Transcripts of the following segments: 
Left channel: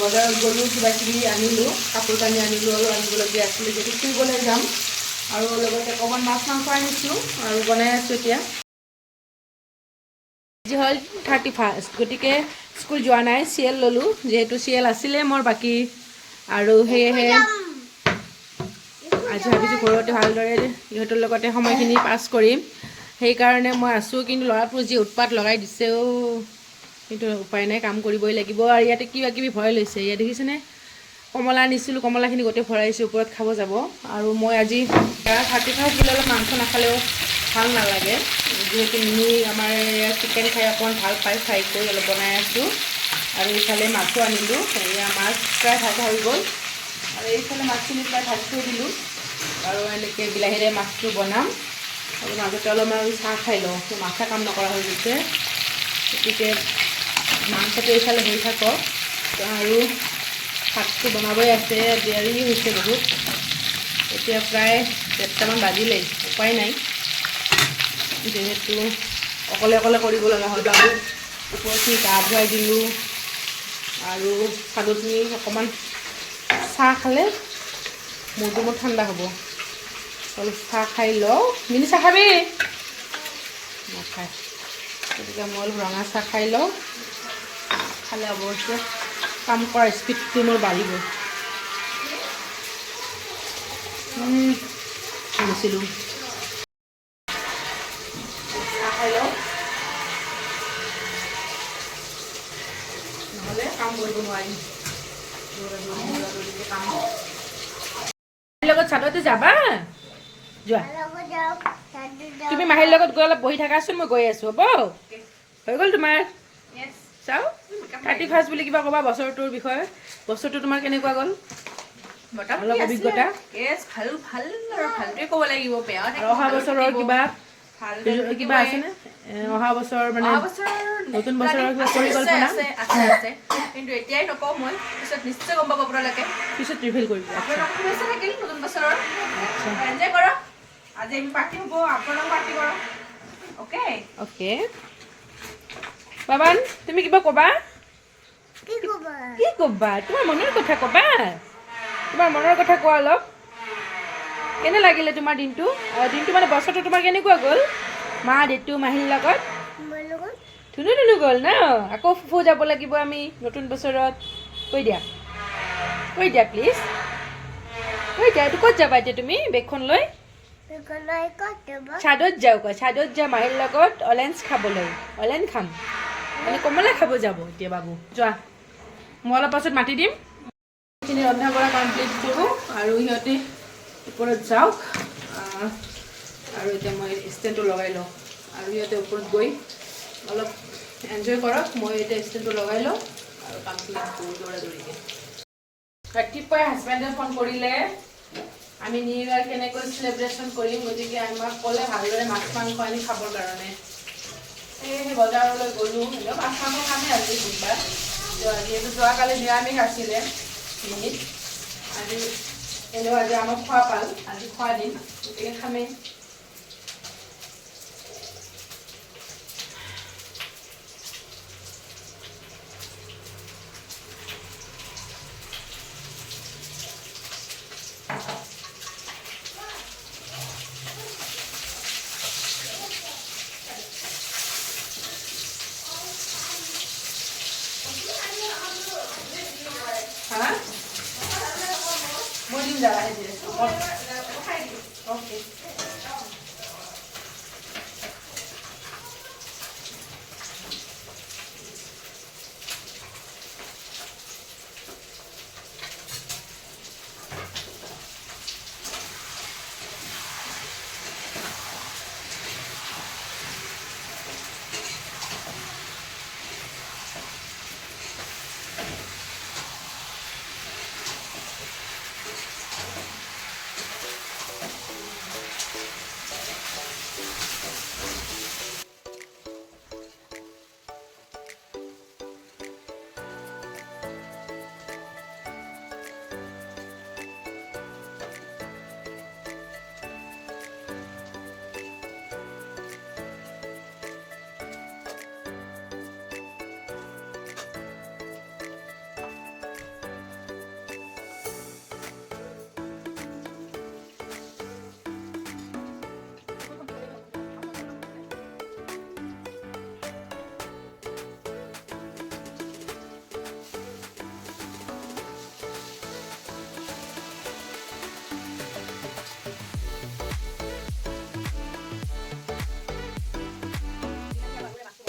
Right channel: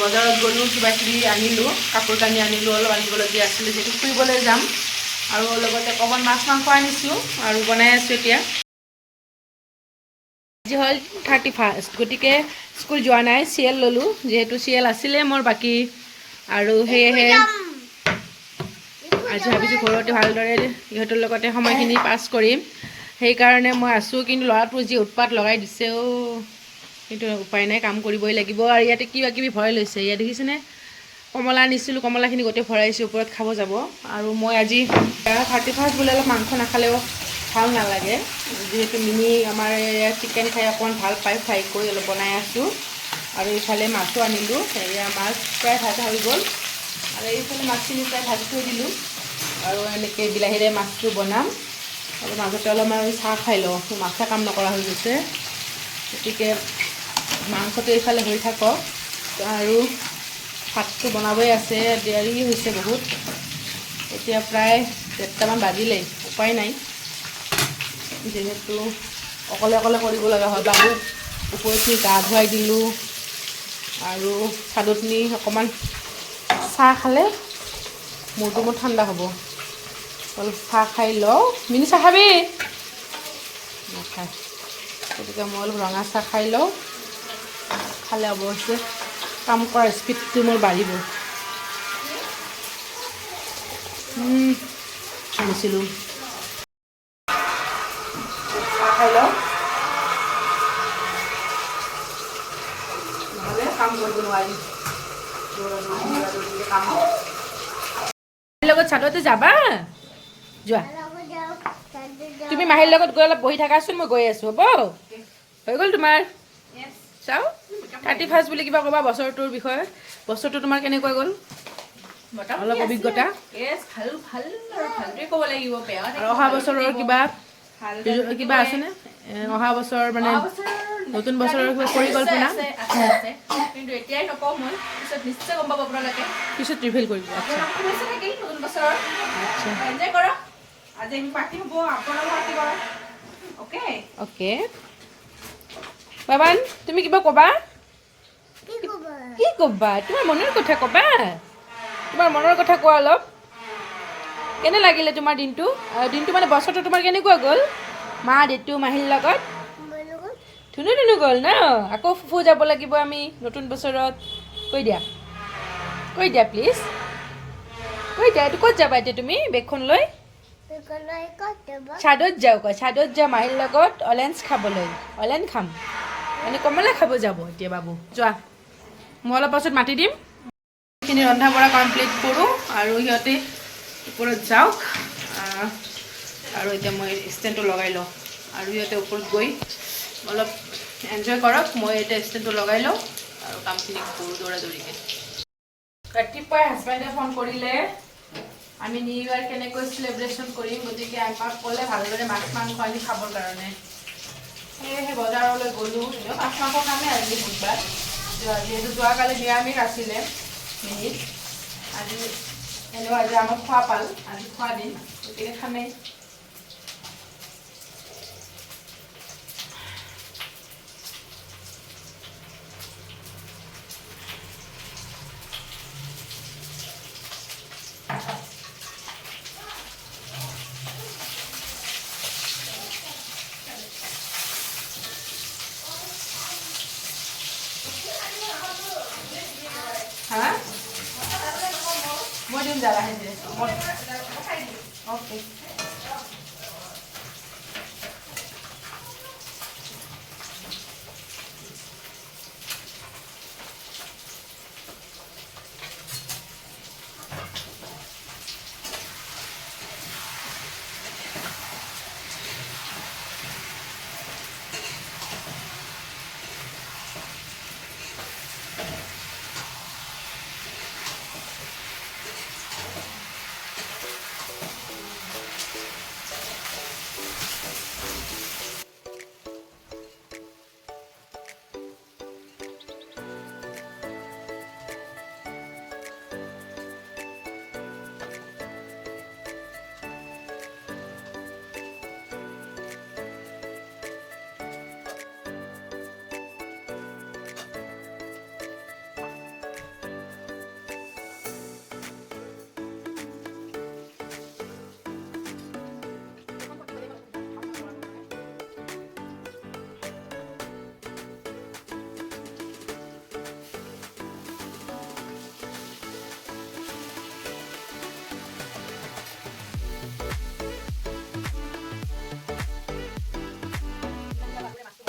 বজাৰত গ'লোঁ, কিবা কিবি আনিলোঁ, কাপোৰ কানি আনিলোঁ, অলপ আনিবলগীয়া আছিলে যিহেতু ফুৰিবলৈ যাম। আৰু লগতে অকণমান মাছ মাংস আনিছোঁ আৰু বনাই আছোঁ এতিয়া। আজি হ'ল 31st, গতিকে স্কুল যোৱা নাই, চিৰিয়েল ল'লোঁ যিহেতু চিৰিয়েল আছিলে মোৰ বাকী, আৰু সেয়েহে আজি ভাবিছোঁ ঘৰতে ভালদৰে ইহঁতৰ লগতে সময়খিনি পাছ কৰিম, সেইকাৰণে মই আছোঁ। কিন্তু ল'ৰাটোৰ যি উৎপাত লগাই দিছেও, কিন্তু উপায় নাই, কাম কৰিবই লাগিব। আৰু ইয়াতে কিবা কিবি ভৰাই লৈছে, ইয়াত দেখিছেনে, কমলা আনিছিলোঁ, কমলাখিনি গোটেই ভৰাইছোঁ, ওপৰত খাব যাব। আৰু মই আজি 31st বুলি অলপ মাংস নাখালেও ভাল নালাগে, যিহেতু মিনি আমাৰ চিকেন খাই অকণমান ভাল পায়, ফ্ৰাই কৰি অলপ বনাই আছোঁ। আৰু এইফালে মাছো আনিলোঁ, এয়া মাছ প্ৰায় ভাজা হৈ গ'ল, আৰু এইফালে মাছখিনি প্ৰায় ভাজি থৈ দিলোঁ। আৰু এনেকৈ বিলাহীৰে মাছটো বনাম, আৰু মাজতে অলপমান চাহ খাই লওঁ, মাছে কাম নকৰা হৈ গৈছে। গতিকে মাংসটো এইফালে হৈ থাকক, আৰু ভাতটো বনাবই আছে, দেৰি হৈছে বহুত, এতিয়া প্ৰায় 1:30মান বাজিলেই, উপায় নাই, যিহেতু অকলে অকলে কৰিব লগা হয়। বাবু ওপৰতনি গা ধুৱাই দিলোঁ, আৰু চাদত নি অকণমান চাহ খালে মূৰটো মোৰ ঠাণ্ডা হ'ব, অলপ চাহ খাই লওঁ। মিনি চাহ খাবি? নাখায়, গতিকে মই অলপ ৰঙা চাহ খাই লওঁ, খালে অৱশ্যে কাম কৰা স্পীডটো মোৰ বাঢ়িব। আনিছিলোঁ চাহ খাই লওঁ, নহ'লে কাম কৰিব নোৱাৰিম, কাম লগত চাদতে যাবা, যোৱা তুমি মাহীৰ লগত গৈ অলপ বহি থাকাচোন, মই গৈ আছোঁ, হ'ব? হৈ গ'ল তোমাৰ? চাওঁ 31st বুলি কিবা ক'বা বছৰটোৰ বিষয়ে, বছৰটো তোমাৰ কেনেকুৱা গ'ল, অলপ অভিজ্ঞতা। অহা বছৰৰ কিবা আছেনে, অহা বছৰ মানে নতুন বছৰৰ কিবা পৰিকল্পনা? কিন্তু এতিয়াই নকওঁ, মই পিছত নিশ্চয় গম পাব আপোনালোকে, পিছত ৰিভিল কৰিব। শুভেচ্ছা থাকিল নতুন বছৰৰ, এনজয় কৰক, আজি পাৰ্টি হ'ব, আপোনালোক পাৰ্টি কৰক, অ'কে অ'কে। বাবান, তুমি কিবা ক'বা? কি ক'বা? তোমাৰ মনৰ কথা ক'বা, তোমাৰ মনৰ কথা কোৱা অলপ। কেনে লাগিলে তোমাৰ দিনটো, মানে বছৰটো তোমাৰ কেনেকুৱা গ'ল, মা দেউতা মাহীৰ লগত? ধুনু ধুনু গ'ল ন, আকৌ ফুফু যাব লাগিব আমি নতুন বছৰত, কৈ দিয়া, কৈ দিয়া প্লিজ, কৈ দিয়া। এইটো ক'ত যাবা এতিয়া তুমি বেগখন লৈ? ছাদত যাওঁ, কয় ছাদত যাওঁ মাহীৰ লগত অলেঞ্চ খাবলৈ, অলেঞ্চ খাম, মানে কমলা খাব যাব এতিয়া বাবু। যোৱা, মই অলপ পাছত মাতি দিম, সেইখিনি ৰন্ধা বঢ়া কমপ্লিট কৰোঁ, আৰু সিহঁতে ওপৰত যাওক, আৰু এতিয়া মই ষ্টেণ্ডটো লগাই লওঁ, আৰু সিহঁতে ওপৰত গৈ অলপ এনজয় কৰক, মই এতিয়া ষ্টেণ্ডটো লগাই লওঁ আৰু কামখিনি কৰোঁ দৌৰা দৌৰিকৈ। ৰাতিপুৱাই হাজবেণ্ডে ফোন কৰিলে, আমি নিউ ইয়েৰ কেনেকৈ চেলিব্ৰেশ্যন কৰিম, গতিকে আমাক ক'লে ভালদৰে মাছ মাংস আনি খাবৰ কাৰণে, সেয়েহে বজাৰলৈ গ'লোঁ। এনেও মাছ মাংস খামেই আজি বুধবাৰ, যিহেতু যোৱাকালি নিৰামিষ আছিলে, আজি এনেও আজি আমাক খোৱা পাল, আজি খোৱা দিন, গতিকে খামেই। হা? মই দিম দাদা হাজিৰে। অ'কে।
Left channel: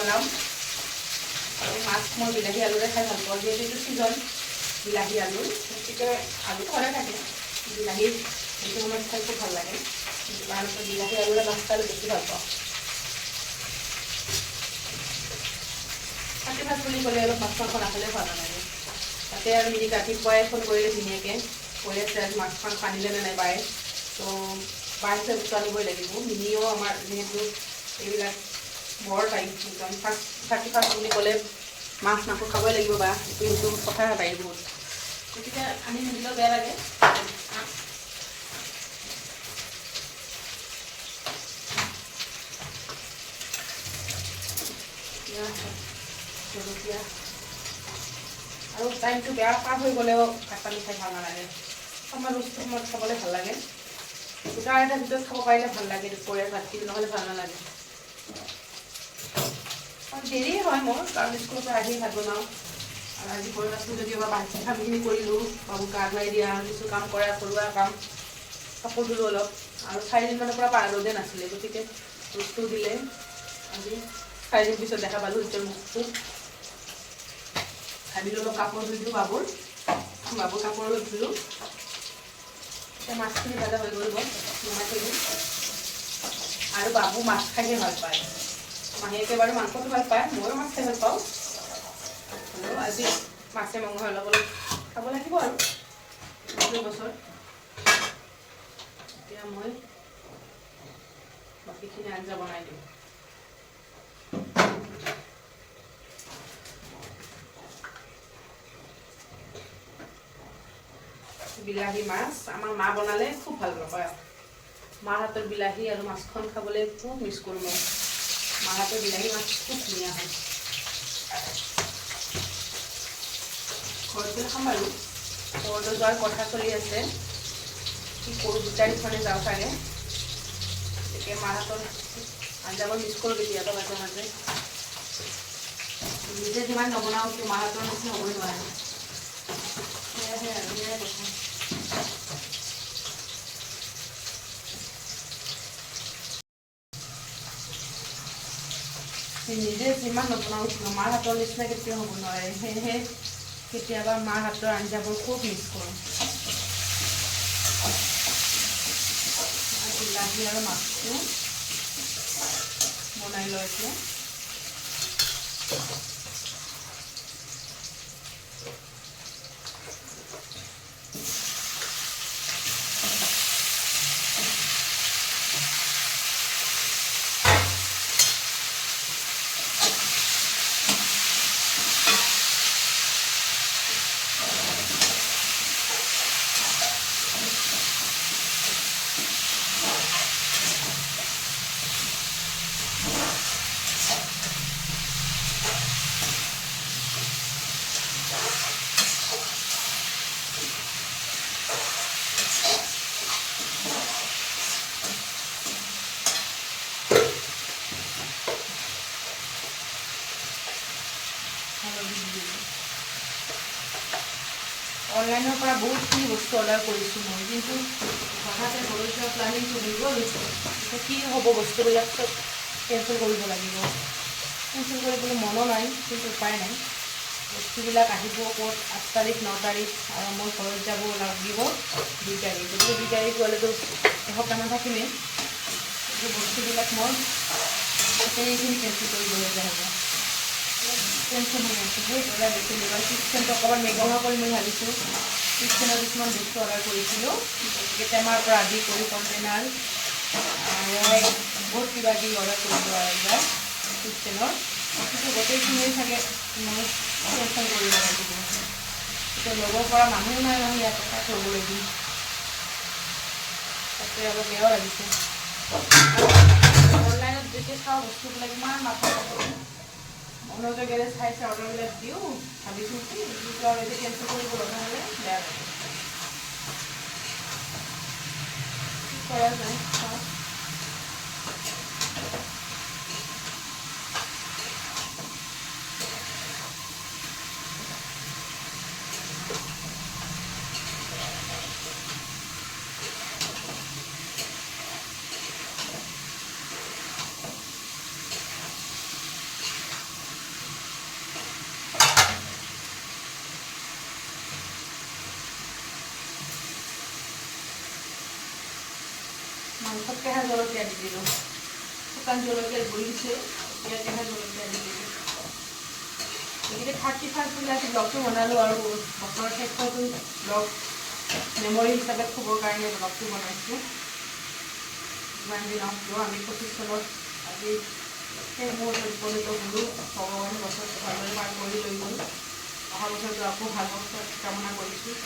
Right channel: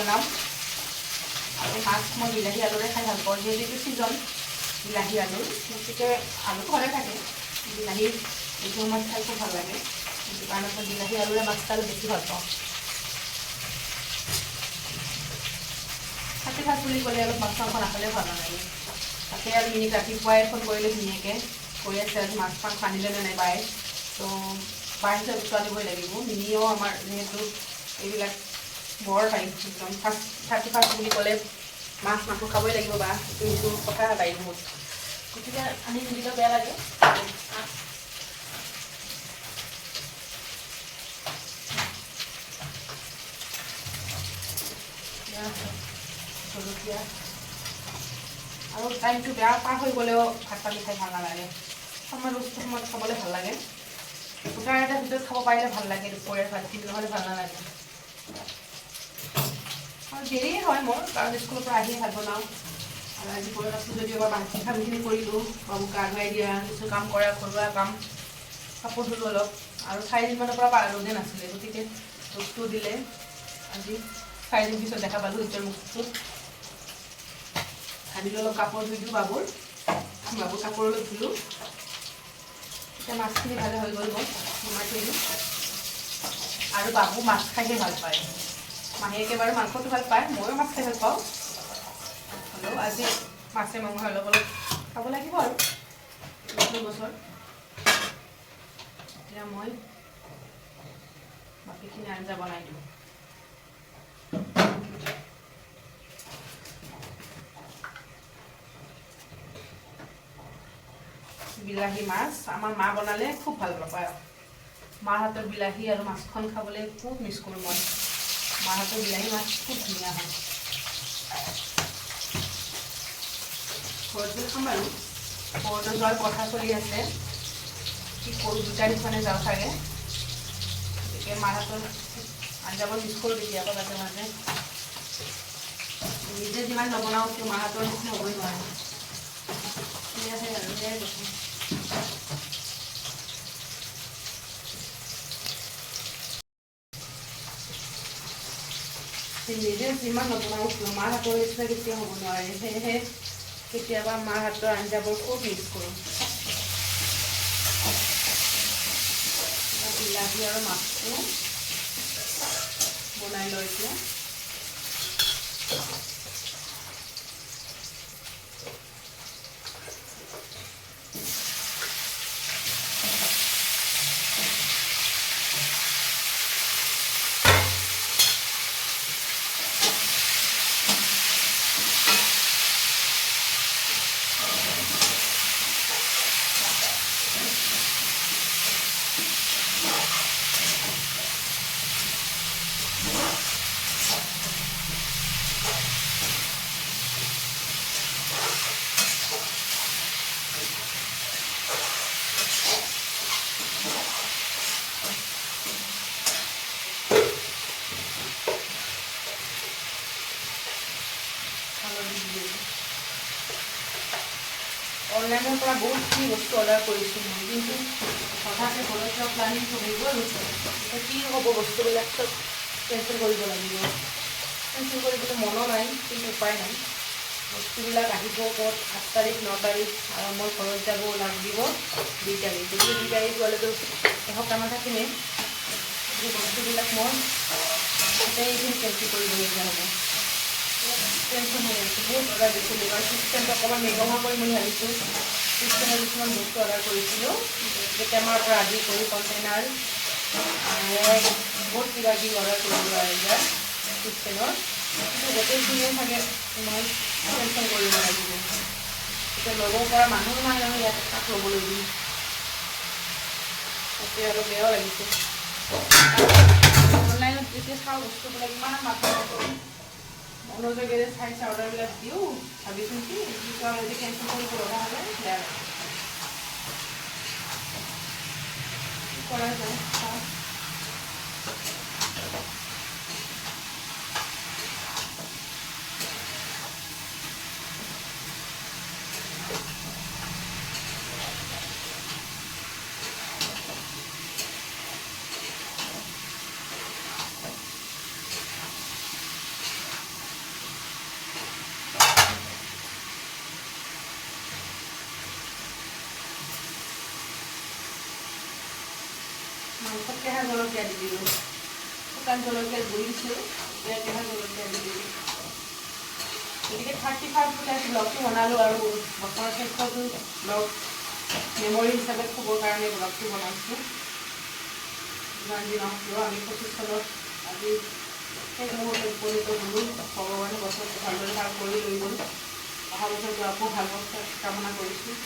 বনাম আৰু মাছ মই বিলাহী আলুৰে খাই ভাল পাওঁ যিহেতু এইটো ছিজন বিলাহী আলু গতিকে আলু ঘৰে থাকে বিলাহী এইটো সময়ত খাই খুব ভাল লাগে কিন্তু তাৰপিছত বিলাহী আলুৰে মাছ খাই বেছি ভাল পাওঁ কাতি ভাত বুলি ক'লে অলপ মাছ মাংস নাখালে ভাল নালাগে তাতে আৰু মিনি ৰাতিপুৱাই ফোন কৰিলে ধুনীয়াকৈ কৈ আছে আজি মাছ মাংস আনিলেনে নাই বাই তো বাই হিচাপে উত্তৰ আনিবই লাগিব মিনিও আমাৰ যিহেতু এইবিলাক বৰ টাইম একদম ফাৰ্ষ্ট বুলি ক'লে মাছ মাংস খাবই লাগিব বা সেইটো কথা বাই বহুত গতিকে আনি নিদিলেও বেয়া লাগে জলকীয়া আৰু টাইমটো বেয়া পাৰ হৈ গ'লেও ভাত পানী খাই ভাল নালাগে সময়ত খাবলৈ ভাল লাগে দুটা এটাৰ ভিতৰত খাব পাৰিলে ভাল লাগে দুপৰীয়া ভাতটো নহ'লে ভাল নালাগে আৰু দেৰি হয় মোৰ কাৰণ স্কুলৰ পৰা আহিয়ে ভাত বনাওঁ আৰু আজি ঘৰত আছোঁ যদিও বা কামখিনি কৰিলোঁ বাবুক গা ধুৱাই দিয়া কিছু কাম কৰা ঘৰুৱা কাম কাপোৰ ধুলোঁ অলপ আৰু 4 দিনমানৰ পৰা ৰ'দে নাছিলে গতিকে ৰ'দটো দিলে আজি 4 দিন পিছত দেখা পালোঁ এতিয়া মুখটো ভাবিলোঁ অলপ কাপোৰ ধুই দিওঁ বাবুৰ কাপোৰ অলপ ধুলোঁ এতিয়া মাছখিনি ভাজা হৈ গ'ল নমাই থৈ দিওঁ আৰু বাবু মাছ খাইহে ভাল পায় মাহীয়েকে বাৰু মাংসটো ভাল পায় ময়ো মাছ খাই ভাল পাওঁ হ'লেও আজি মাছে মাংস অলপ অলপ খাব লাগিব আৰু বছৰ এতিয়া মই বাকীখিনি আঞ্জা বনাই দিওঁ বিলাহী মাছ আমাৰ মা বনালে খুব ভাল পায় মাৰ হাতৰ বিলাহী আৰু মাছখন খাবলৈ খুব মিছ কৰোঁ মই মাৰ হাতৰ বিলাহী মাছ খুব ধুনীয়া হয় ঘৰত গ'লে খাম বাৰু ঘৰলৈ যোৱাৰ কথা চলি আছে কি কৰোঁ 2 তাৰিখমানে যাওঁ চাগে গতিকে মাৰ হাতৰ আঞ্জাবোৰ মিছ কৰোঁ কেতিয়াবা মাজে মাজে নিজে যিমান নবনাওঁ কিন্তু মাৰ হাতৰ নিচিনা হ'বই নোৱাৰে সেয়াহে আৰু সেয়াই কথা নিজে যিমান নবনাওঁ মাৰ হাতৰ নিচিনা কেতিয়াও হ'ব নোৱাৰে সেয়েহে কেতিয়াবা মাৰ হাতৰ আঞ্জাবোৰ খুব মিছ কৰোঁ বিলাহী আৰু মাছটো বনাই লওঁ এতিয়া অনলাইনৰ পৰা বহুতখিনি বস্তু অৰ্ডাৰ কৰিছোঁ মই কিন্তু হঠাতে ঘৰলৈ যোৱা প্লানিংটো হৈ গ'ল এতিয়া কি হ'ব বস্তুবিলাক চব কেঞ্চেল কৰিব লাগিব কেঞ্চেল কৰিবলৈ মনো নাই কিন্তু উপায় নাই বস্তুবিলাক আহিব ক'ত 8 তাৰিখ 9 তাৰিখ আৰু মই ঘৰত যাব লাগিব 2 তাৰিখ গতিকে 2 তাৰিখ গ'লেতো এসপ্তাহমান থাকিমেই এই বস্তুবিলাক মই গোটেইখিনি কেঞ্চেল কৰিবলগীয়া হ'ব টেনশ্যন হৈ আছে বহুত অৰ্ডাৰ দিছিলোঁ কাৰণ কিটচেনটো অকণমান মেগঙা কৰিম বুলি ভাবিছোঁ কিটচেনৰ কিছুমান বস্তু অৰ্ডাৰ কৰিছিলোঁ টেমাৰ পৰা আদি কৰি কণ্টেইনাৰ বহুত কিবা কিবি অৰ্ডাৰ কৰিলোঁ আৰু এইবাৰ কিটচেনৰ কিন্তু গোটেইখিনিয়ে চাগে মই কেঞ্চেল কৰিব লাগিব এতিয়া ল'ব পৰা মানুহ নাই নহয় ইয়াত তাক ল'বলৈ দিম তাতে অলপ বেয়াও লাগিছে অনলাইনত যেতিয়া চাওঁ বস্তুবিলাক ইমান মাথা মনোযোগেৰে চাইছে অৰ্ডাৰবিলাক দিওঁ ভাবিছোঁ কি কেঞ্চেল কৰিব লগা হ'লে বেয়া লাগে কৰা যায় চাওঁ মাংসত কেঁহা জলকীয়া দি দিলোঁ শুকান জলকীয়াৰ গুড়ি দিছিলোঁ এতিয়া কেঁহা জলকীয়া দি দিলোঁ গতিকে 31st বোলে আজি ব্লগটো বনালোঁ আৰু বছৰৰ শেষৰটো ব্লগ মেমৰি হিচাপে থ'বৰ কাৰণে ব্লগটো বনাইছোঁ যিমান দিন কিয় আমি 25 চনত আজি সেই মুহূৰ্তত উপনীত হ'লোঁ ভগৱানে বছৰটো ভালদৰে পাৰ কৰি লৈ গ'ল অহা বছৰটো আকৌ ভাল বছৰ কামনা কৰিছোঁ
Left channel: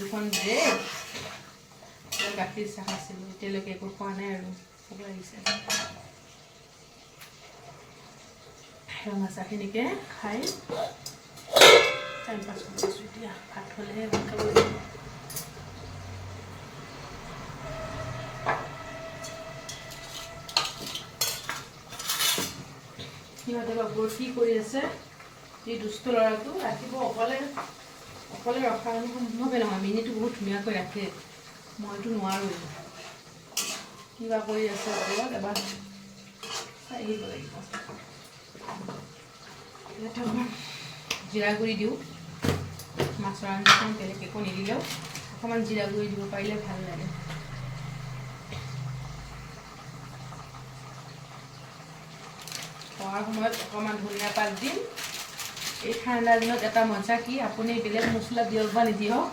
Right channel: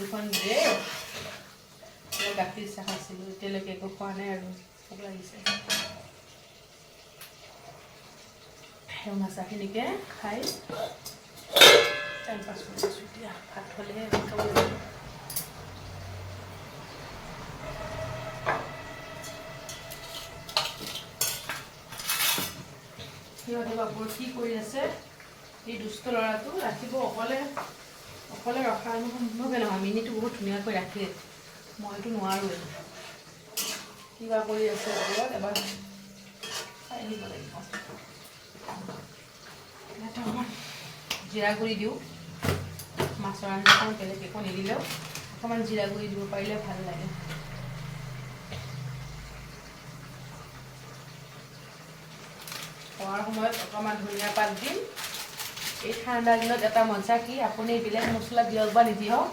দুখন ব্ৰেড গাখীৰ চাহ খাইছিলোঁ এতিয়ালৈকে একো খোৱা নাই আৰু ভোক লাগিছে ৰঙা চাহখিনিকে খাই টাইম পাছ কৰি আছোঁ এতিয়া ভাত হ'লেহে ভাত খাব লাগিব সিহঁতে বাবুৰ কি কৰি আছে এই দুষ্ট ল'ৰাটো ৰাখিব অকলে ৰখা সম্ভৱে নহয় মিনিটো বহুত ধুনীয়াকৈ ৰাখে মইতো নোৱাৰোঁ কিবা কৰি আছে ঘৰত এবাৰ চাই আহিব লাগিব ইয়াতে অকণমান জিৰা গুড়ি দিওঁ মাছৰ আঞ্জাখন বেলেগ একো নিদিলেও অকণমান জিৰা গুড়ি দিব পাৰিলে ভাল লাগে খোৱাৰ সময়ত অকণমান ধনিয়া পাত দিম এই ঠাণ্ডা দিনত এটা মজা কি আপুনি বেলেগ মছলা দিয়ক বা নিদিয়ক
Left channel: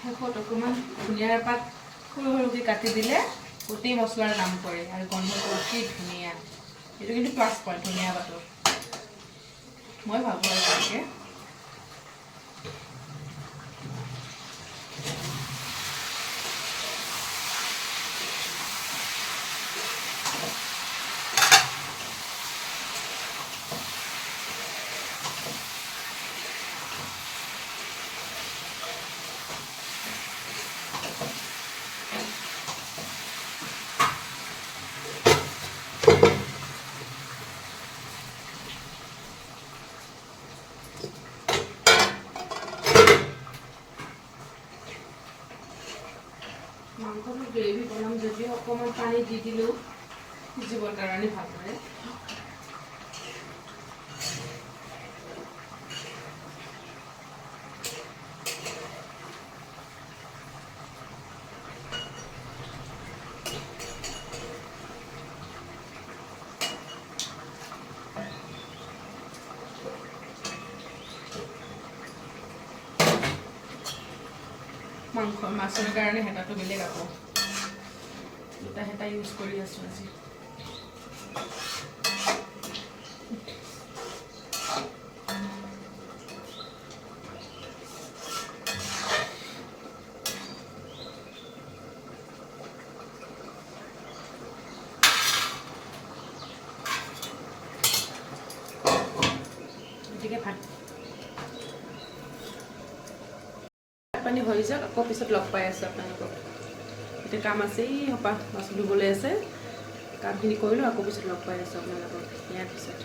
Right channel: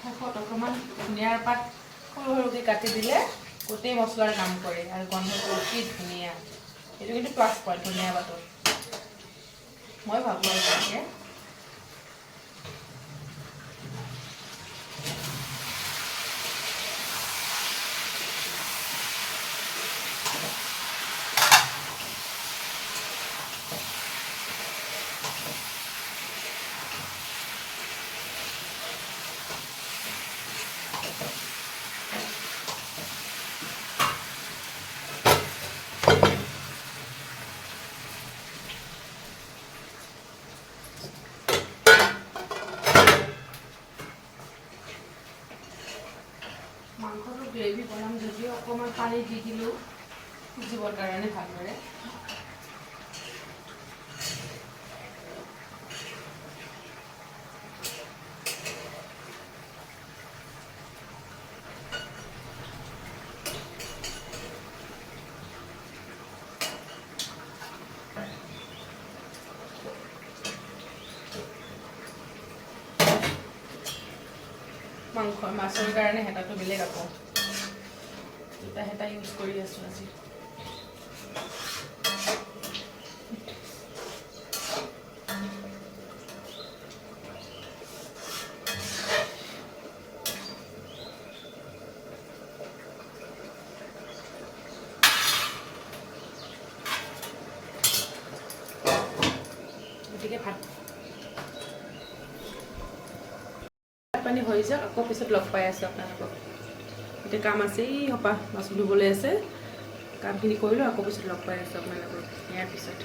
শেষত অকণমান ধনিয়াৰ পাত সৰু সৰুকৈ কাটি দিলে গোটেই মছলাৰ কাম কৰে আৰু গন্ধটো অতি ধুনীয়া এইটো কিন্তু প্লাছ পইণ্ট ধনিয়া পাতৰ মই ভাবোঁ আৰু তেনেকৈ মাংসটো গ্ৰেভি বনাম যদিও অকণমান পানী দি দিলোঁ সিজিবৰ কাৰণে ভালদৰে মাছৰ কাৰণে হেতাটো বেলেগ আকৌ দুটা হেতা ইউজ কৰি আছোঁ আজি গতিকে ভাত পানী হৈ যাওক আকৌ পিছত লগ পাই আছোঁ আপোনালোকক এতিয়া কাম আছে সপা বাচন ধুবলৈ আছে কামখিনি কৰিলোঁ আকৌ পিছত লগ পাই আছোঁ আপোনালোকক ইয়াৰ পিছত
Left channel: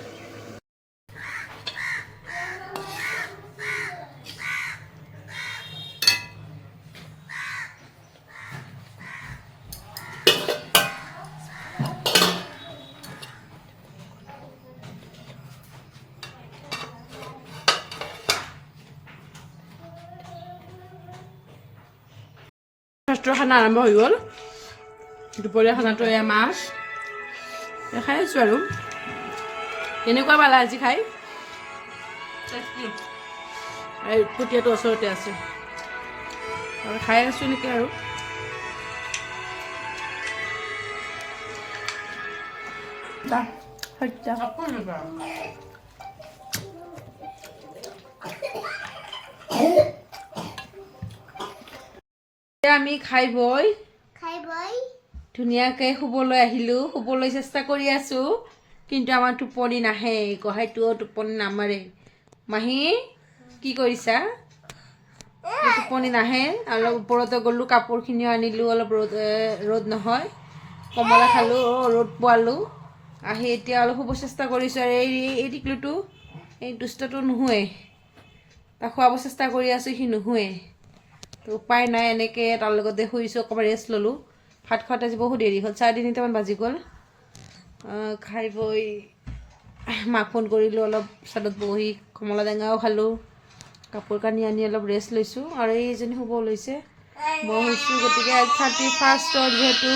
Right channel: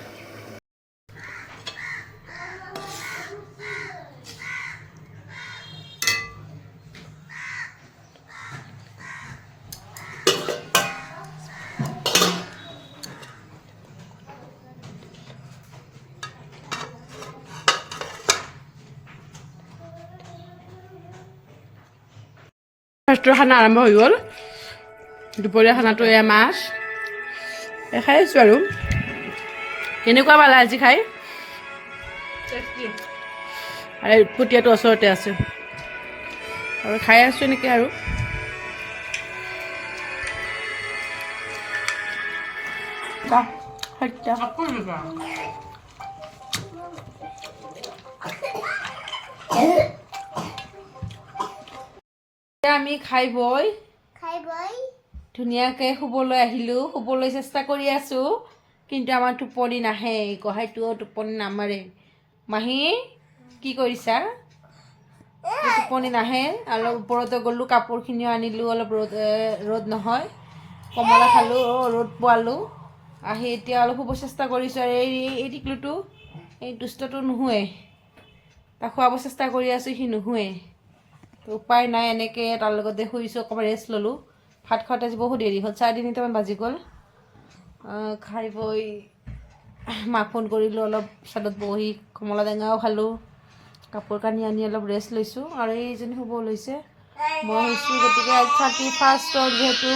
ফাৰ্ষ্টৰ খানা আৰম্ভ হৈ গ'ল দুপৰীয়া খানাটো এয়া মাছ খাই আছোঁ আৰু কেনেকুৱা পালা আজি খাই আৰু উৎপতীয়াটো ওচৰতে আছে আৰু খাই আছোঁ এনেকৈ আৰু আমি খাই বৈ ধুনীয়াকৈ শুবলৈ আহিলোঁ শুবলৈ চেষ্টা কৰি আছোঁ কিন্তু আমাৰ টোপনি নাহে গোহাঁইটোও টোপনি নামাৰে মাহী কি কৰিছা টোপনি নাহে অলপ ওপৰতে গ'লোঁ কাপোৰখিনিও আনিলোঁ অলপ ৰ'দ নহয় কমলা খালোঁ ৰ'দ পোৱালোঁ আহি এতিয়া অলপ শুব চেষ্টা কৰিছোঁ আৰু এই টিকলুটো এই দুষ্টটো নুশুৱে তাক খুৱাব চেষ্টা কৰি আছোঁ সি নুশুৱে তো উপায় নাই, এনেকৈ তাৰ লগতে শুইছোঁ, অকণমান ৰেষ্ট ল'লোঁ। ভাত খোৱাতে আজি বহুত দেৰি হ'ল, 3:30মান বাজি গ'ল। খাই বৈ মাক ফোন কৰিলোঁ, অলপ ছাদত বহি কমলা টেঙাও খালোঁ, কাপোৰ কানি আনি অলপ ৰেষ্ট লৈছোঁ। আৰু এইজনী শুব লৈছে, মই শুইছোঁ। গতিকে আজি 31st যিহেতু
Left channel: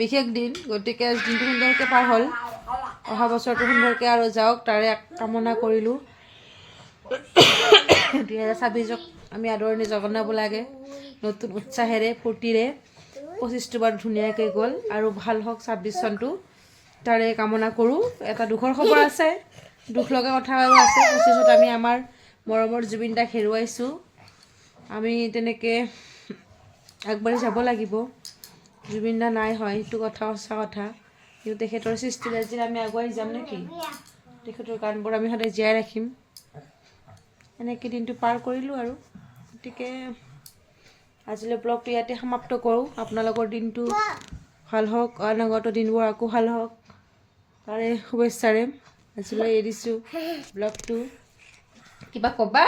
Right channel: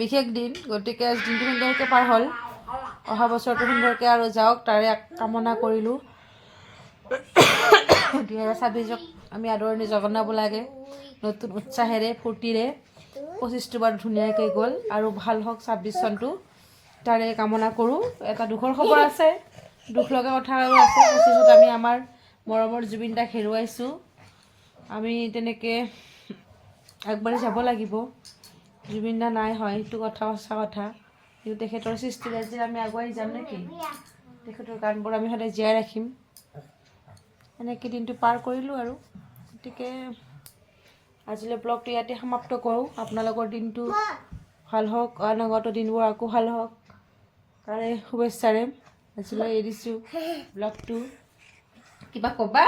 বিশেষ দিন, গতিকে আজি দিনটো সুন্দৰকৈ পাৰ হ'ল। অহা বছৰটো সুন্দৰকৈ আৰু যাওক, তাৰে কামনা কৰিলোঁ। 2026ক আমি আদৰণি জনাব লাগে, নতুন উৎসাহেৰে ফূৰ্তিৰে। 25টো বাৰ ধুনীয়াকৈ গ'ল আৰু ভাল হওক 26 চনটো, তাৰে কামনা কৰোঁ। এটা দুখৰ খবৰ আছে, দুখ লগা কথা আৰু আছে। 25ত আমি আমাৰ মৰমৰ জুবিন দাক হেৰুৱাইছোঁ। আমি তেনেকৈ আগবাঢ়ি যাব লাগিব। জুবিন দা নাই হয়, সেইটো কথা সঁচা কথা, কিন্তু তেখেতৰ সৃষ্টিৰাজিত আমি আগুৱাই যাম নেকি? তেখেতৰ গানবোৰ আমি সদায় জীয়াই ৰাখিম। এনেকৈ দিনটো পাৰ কৰিলোঁ আৰু। গতিকে আজিলৈ ব্লগটো ইয়াতে সমাপ্ত কৰোঁ। আপোনালোকৰ দিনটো ভাল হওক, অনাগত দিনবোৰ আকৌ ভাল হওক, তাৰে শুভেচ্ছাৰে আজিলৈ এৰিছোঁ ব্লগটো। কিবা ক'বা?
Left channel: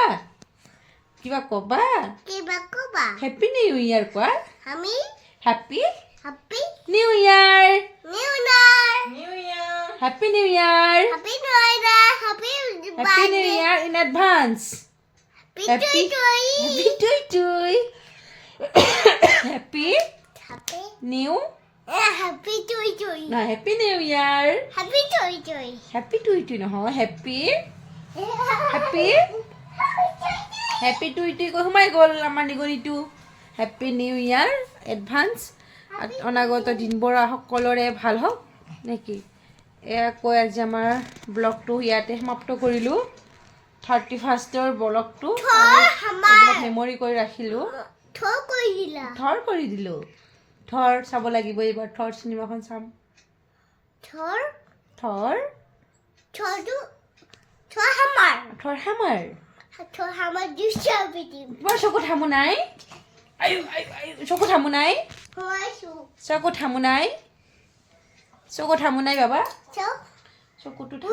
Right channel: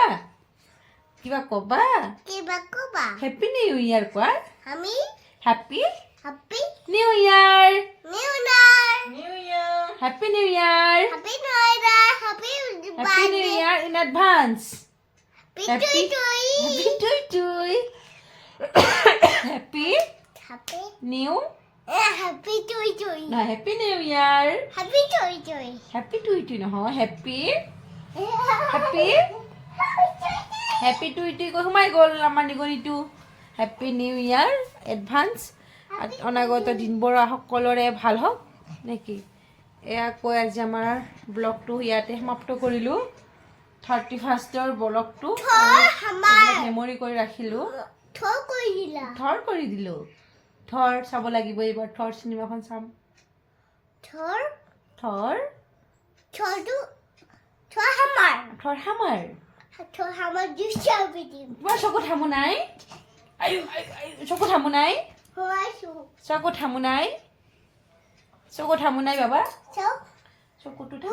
কিবা ক'বা? হেপী নিউ ইয়াৰ কোৱা। Happy new year. Happy new year. Happy new year in advance. Happy টুই টুই। হেপী নিউ নহয়, হেপী নিউ ইয়াৰ। হেপী টুই টুই নহয়, হেপী হেপী টুই টুই কৈ সোমাই গ'ল আমাৰ নিগনিটো। Happy new year advance. অনাগত দিনবোৰ সকলোৰে ভাল হওক নেকি? এয়া কৈ আজি আমাৰ ব্লগটো ইয়াতে সমাপ্ত কৰিলোঁ। 31ৰ ব্লগটো মেমৰি কৰি ৰাখিলোঁ। থৰ কৰি দিলোঁ। থৰ চাব লাগিব এইবাৰ, থৰ চিনেমাখন চাম। থৰ হামাৰ। তোমাৰ চকুত হামু নাই? চকুত হামু নাই? চকুত হামু নাই বাবা? চকুটোত